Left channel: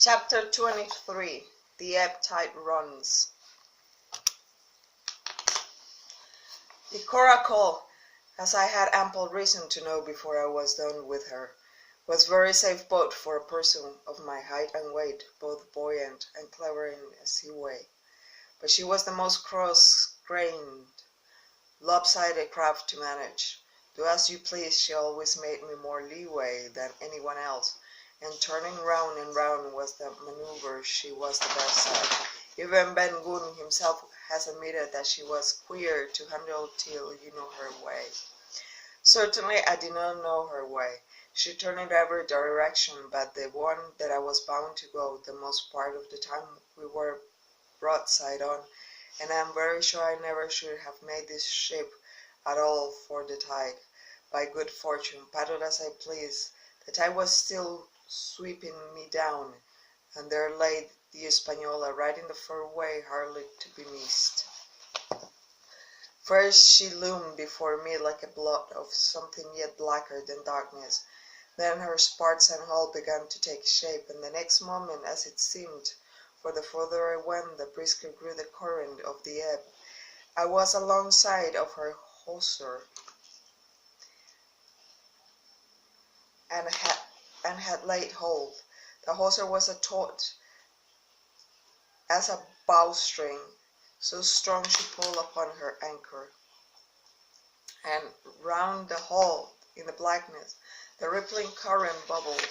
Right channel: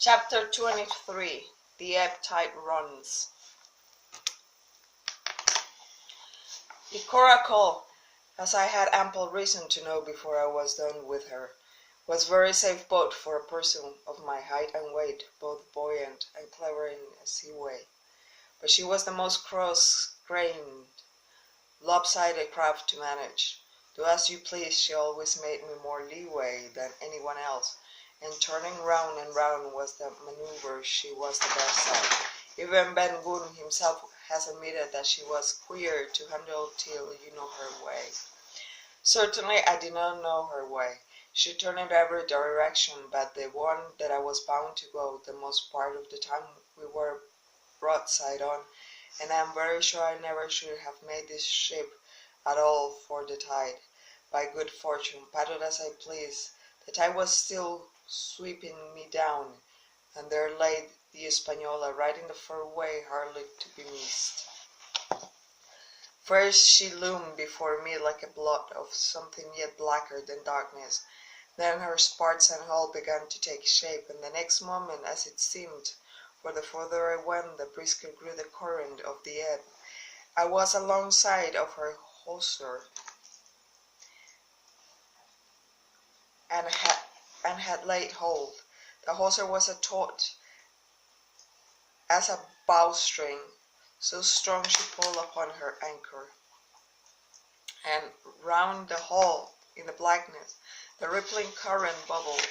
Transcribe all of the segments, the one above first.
Chapter 23. The Ebb Tide Runs. The coracle, as I had ample reason to know before I was done with her, was very safe boat for a person of my height and weight, both buoyant and clever in a sea way. But she was the most cross-grained, lopsided craft to manage. Do as you please, she always made me more leeway than anyone else, and turning round and round was the maneuver she was the best at. Even Ben Gunn himself has admitted that she was queer to handle till you know her way. Certainly I did not know her way. She turned in every direction but the one that I was bound to go. The most part of the time we were broadside on, and I am very sure I never should have made this ship at all for the tide. By good fortune, paddle as I pleased, the tide was still sweeping me down, and there lay the Española right in the fairway, hardly to be missed. First she loomed before me like a blot of something yet blacker than darkness. Then her spars and hull began to take shape, and the next moment, as it seemed, for the further I went, the brisker grew the current of the ebb. I was alongside of her hawser, and had laid hold. The hawser was as taut as a bowstring, so strong she pulled upon her anchor. And round the hull, in the blackness, the rippling current bubbled,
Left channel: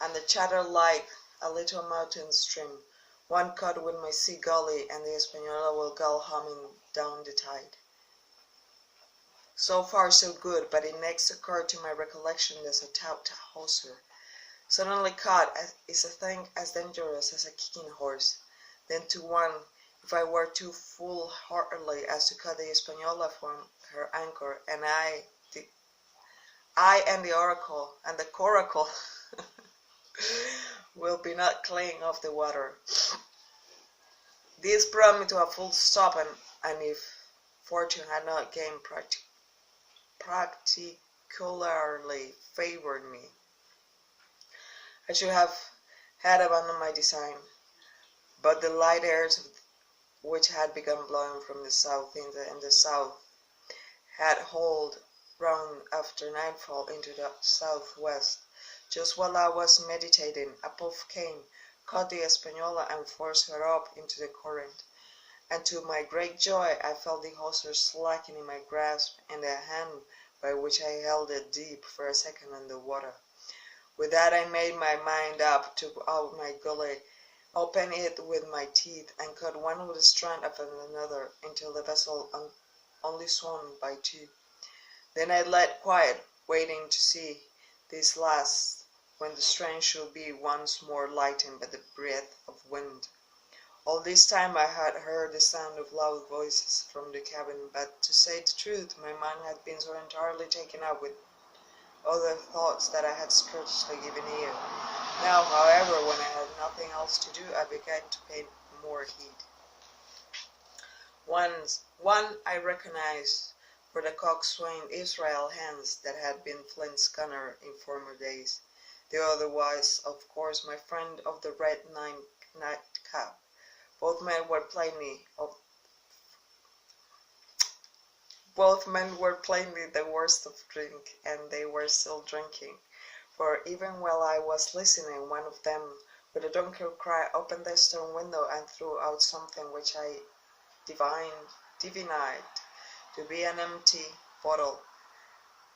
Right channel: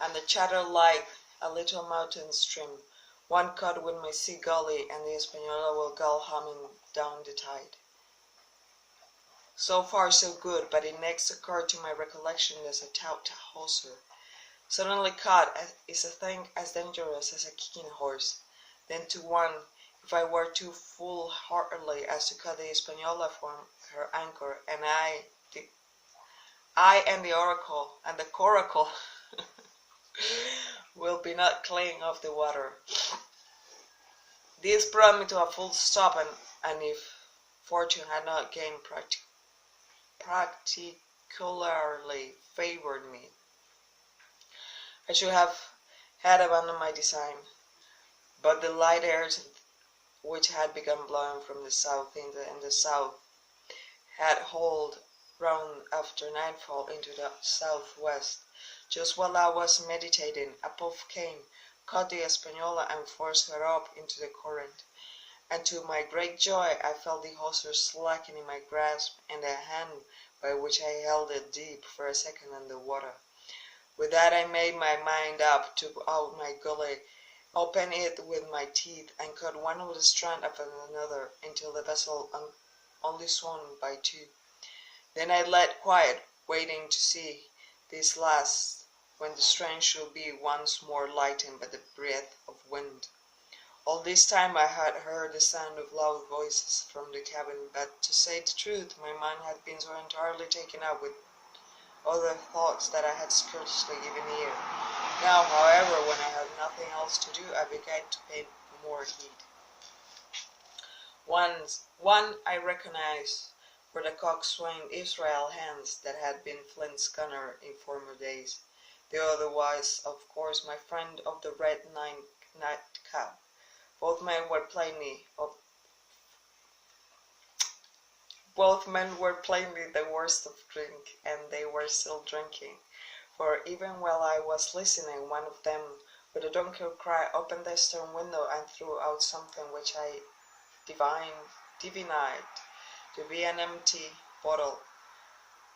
and the chatter like a little mountain stream. One cut with my sea gully, and the Española will go humming down the tide. So far so good, but it next occurred to my recollection that a taut hawser, suddenly caught, is a thing as dangerous as a kicking horse. Then to one, if I were too foolhardy as to cut the Española from her anchor, and I and the oracle and the coracle will be not clean off the water. This brought me to a full stop, and if fortune had not again particularly favored me, I should have had abandoned my design. But the light airs which had begun blowing from the south in the south had hauled round after nightfall into the southwest. Just while I was meditating, a puff came, caught the Española, and forced her up into the current. And to my great joy I felt the hawser slacken in my grasp, and the hand by which I held it deep for a second in the water. With that I made my mind up, took out my gully, opened it with my teeth, and cut one with a strand after another, until the vessel only swung by two. Then I let quiet, waiting to see this last, when the strain should be once more lightened by the breath of wind. All this time I had heard the sound of loud voices from the cabin, but to say the truth, my mind had been so entirely taken up with other thoughts that I had scarcely given ear. Now, however, when I had nothing else to do, I began to pay more heed. One I recognized for the coxswain Israel Hands that had been Flint's gunner in former days. The other was, of course, my friend of the red nightcap. Both men were plainly the worst of drink, and they were still drinking. For even while I was listening, one of them, with a drunken cry, opened the stern window and threw out something which I divined to be an empty bottle.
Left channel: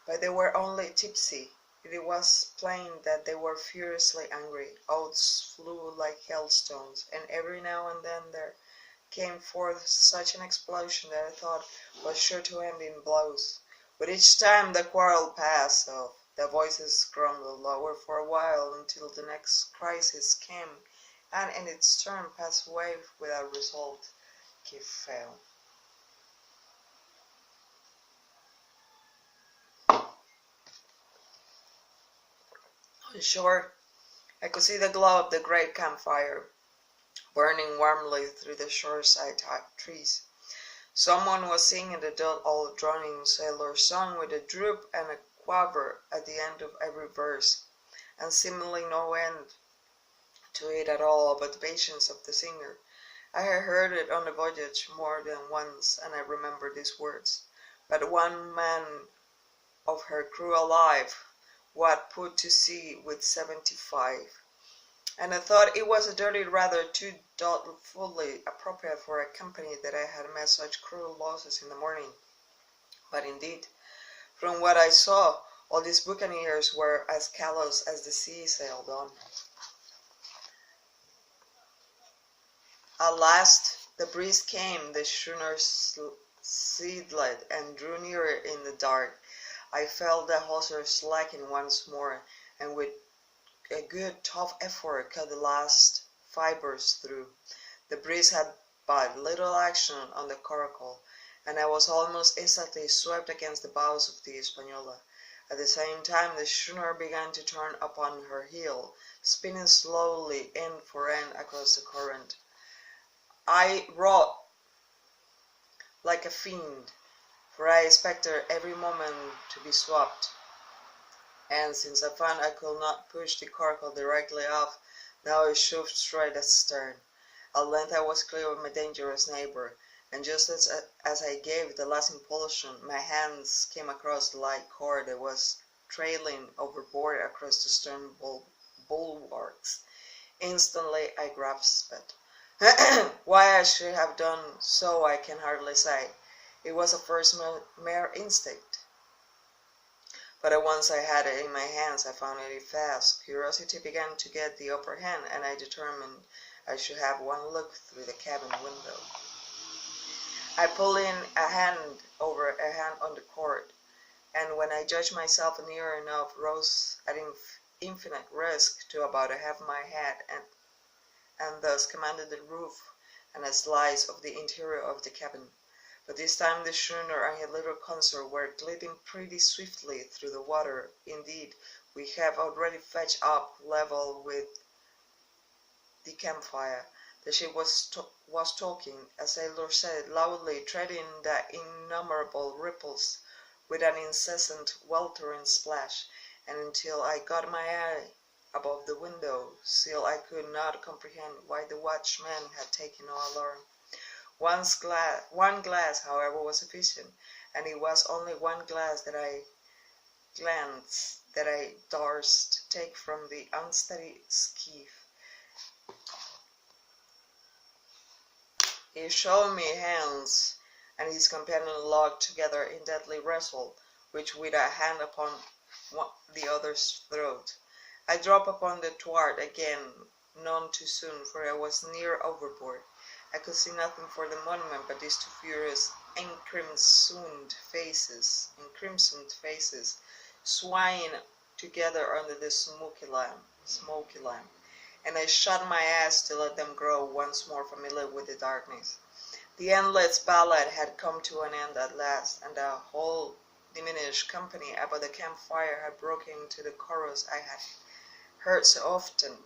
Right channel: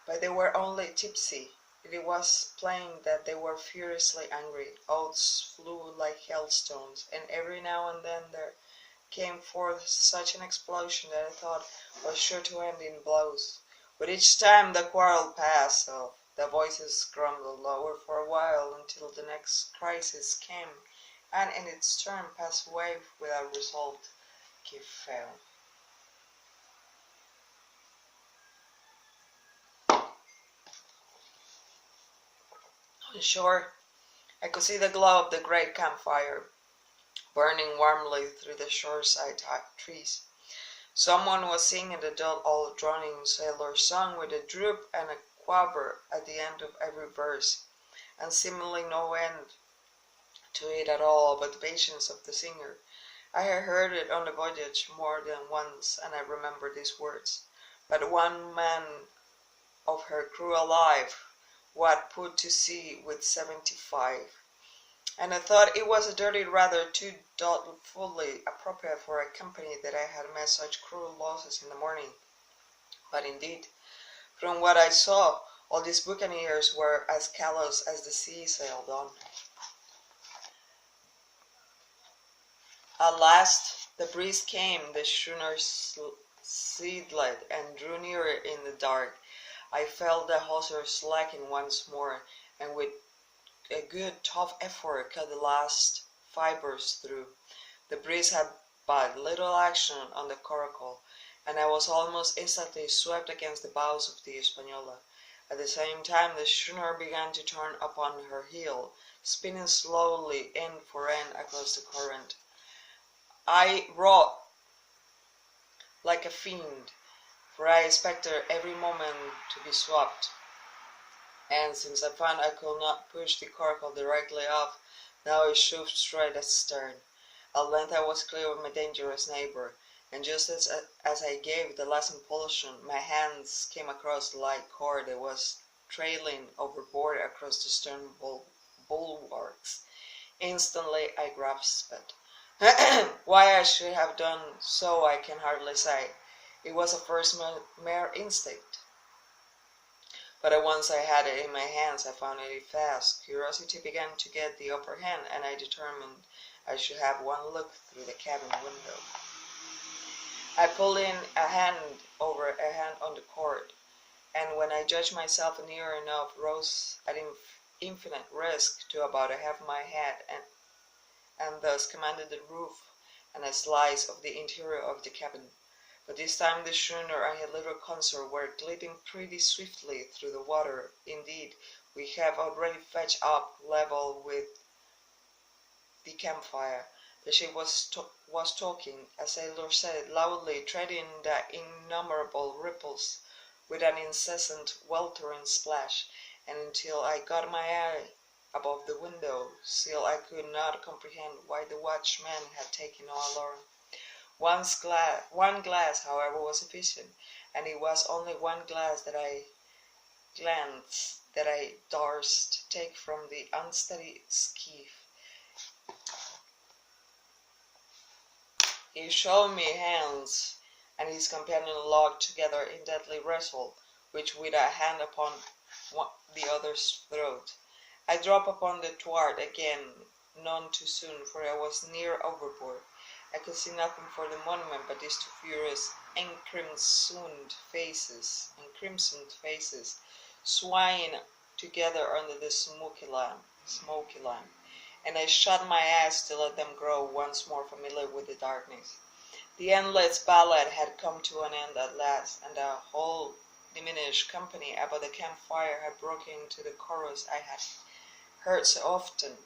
But they were only tipsy. It was plain that they were furiously angry. Oaths flew like hailstones, and every now and then there came forth such an explosion that I thought was sure to end in blows. But each time the quarrel passed off, the voices grumbled lower for a while until the next crisis came, and in its turn passed away without result. Que fell. On shore, I could see the glow of the great campfire, burning warmly through the shoreside trees. Someone was singing the dull old droning sailor song with a droop and a quaver at the end of every verse, and seemingly no end to it at all but the patience of the singer. I had heard it on the voyage more than once, and I remember these words. But one man of her crew alive, what put to sea with 75? And I thought it was a dirty rather too doubtfully appropriate for a company that I had met such cruel losses in the morning. But indeed, from what I saw, all these buccaneers were as callous as the sea sailed on. At last the breeze came, the schooner sidled and drew nearer in the dark. I felt the hawser slacken once more, and with a good tough effort cut the last fibres through. The breeze had but little action on the coracle, and I was almost instantly swept against the bows of the Española. At the same time the schooner began to turn upon her heel, spinning slowly end for end across the current. I rowed like a fiend, for I expected every moment to be swept, and since I found I could not push the coracle directly off, now it shoved straight astern. At length I was clear of my dangerous neighbour, and just as I gave the last impulsion, my hands came across the light cord that was trailing overboard across the stern bulwarks. Instantly I grasped it. Why I should have done so I can hardly say. It was a first mere instinct. But at once I had it in my hands, I found it fast. Curiosity began to get the upper hand, and I determined I should have one look through the cabin window. I pulled in a hand over a hand on the cord, and when I judged myself near enough, rose at infinite risk to about half my head, and thus commanded the roof and a slice of the interior of the cabin. But this time the schooner and her little consort were gliding pretty swiftly through the water. Indeed, we have already fetched up level with the campfire. The ship was talking, a sailor said, loudly, treading the innumerable ripples with an incessant weltering splash, and until I got my eye above the window sill I could not comprehend why the watchman had taken no alarm. One glass, however, was sufficient, and it was only one glass that I durst take from the unsteady skiff. He showed me Hans and his companion locked together in deadly wrestle, each with a hand upon the other's throat. I dropped upon the thwart again, none too soon, for I was near overboard. I could see nothing for the moment but these two furious encrimsoned faces, swaying together under the smoky lamp, and I shut my eyes to let them grow once more familiar with the darkness. The endless ballad had come to an end at last, and the whole diminished company about the campfire had broken into the chorus I had heard so often.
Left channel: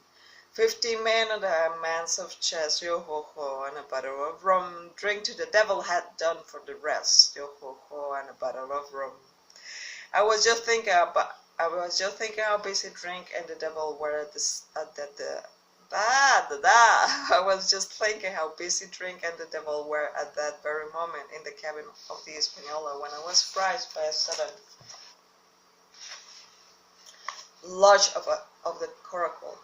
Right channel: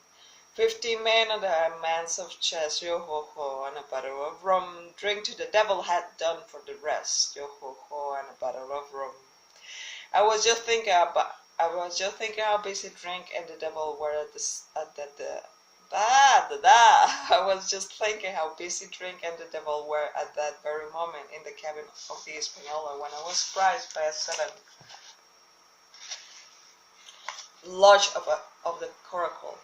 50 men and a man's of chess, yo-ho-ho, and a bottle of rum. Drink to the devil had done for the rest, yo-ho-ho, and a bottle of rum. I was just thinking how busy drink and the devil were I was just thinking how busy drink and the devil were at that very moment in the cabin of the Española when I was surprised by a sudden lurch of the coracle.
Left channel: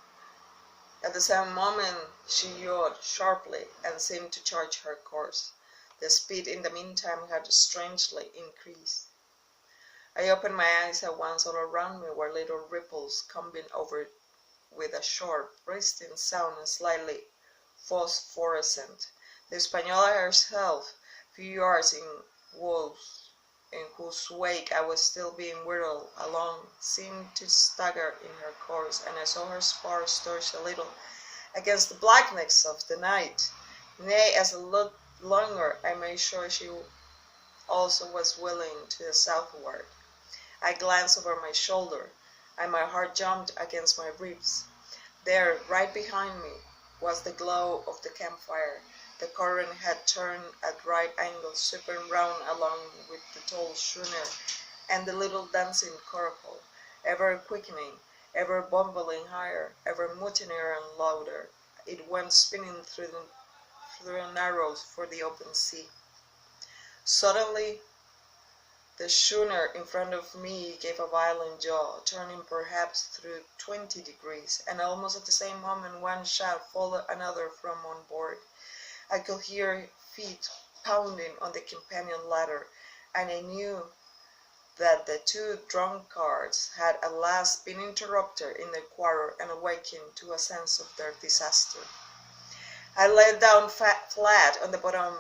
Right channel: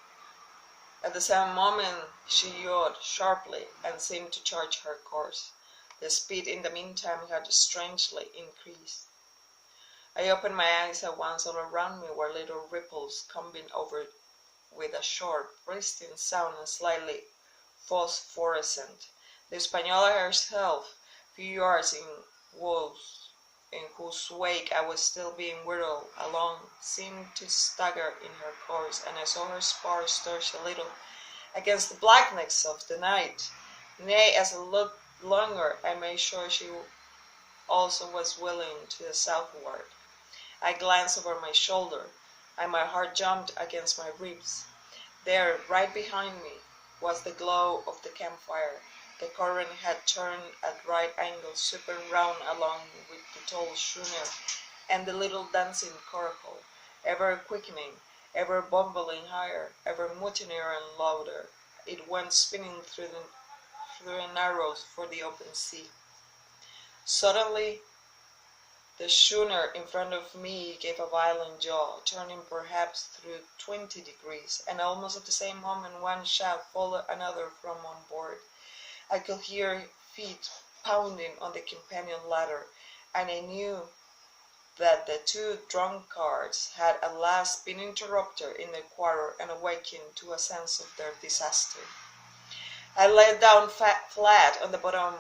At the same moment she yawed sharply and seemed to change her course. The speed in the meantime had strangely increased. I opened my eyes at once. All around me were little ripples coming over with a sharp, bursting sound and slightly phosphorescent. The Española herself, few yards in whose wake I was still being whirled along, seemed to stagger in her course, and I saw her spars stir a little against the blackness of the night. Nay, as I looked longer, I made sure she also was willing to the southward. I glanced over my shoulder, and my heart jumped against my ribs. There, right behind me, was the glow of the campfire. The current had turned at right angles, sweeping round along with the tall schooner and the little dancing coracle, ever quickening, ever bumbling higher, ever mutinier and louder, it went spinning through the narrows for the open sea. Suddenly, the schooner in front of me gave a violent yaw, turning perhaps through 20 degrees, and almost at the same moment one shout followed another from on board. I could hear feet pounding on the companion ladder, and I knew that the two drunkards had at last been interrupted in their quarrel and awakened to a sense of their disaster. I lay down flat on the bottom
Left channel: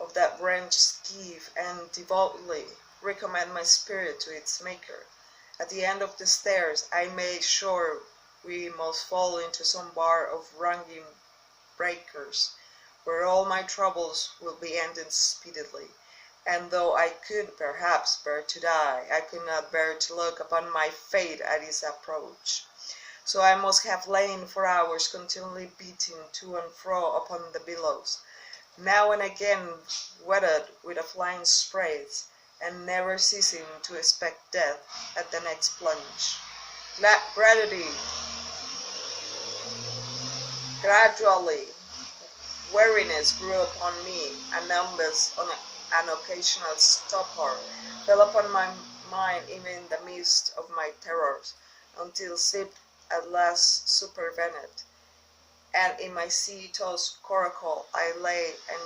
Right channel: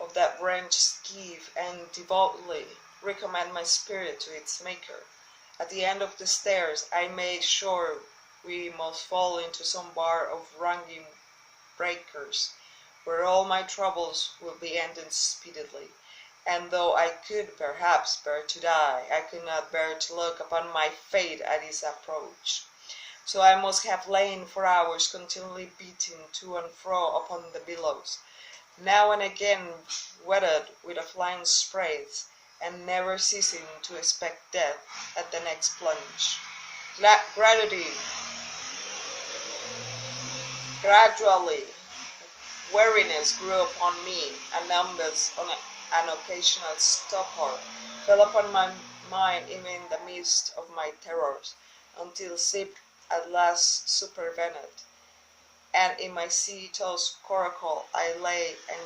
of that wrenched skiff and devoutly recommend my spirit to its Maker. At the end of the stairs I made sure we must fall into some bar of raging breakers, where all my troubles will be ended speedily. And though I could perhaps bear to die, I could not bear to look upon my fate at its approach. So I must have lain for hours continually beating to and fro upon the billows, now and again wetted with a flying sprays, and never ceasing to expect death at the next plunge. Gradually, weariness grew upon me, and numbness on an occasional stupor fell upon my mind even in the midst of my terrors, until sleep at last supervened, and in my sea-tossed coracle I lay and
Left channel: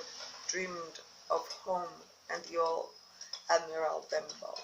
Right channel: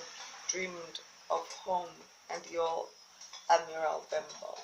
dreamed of home and the old Admiral Benbow.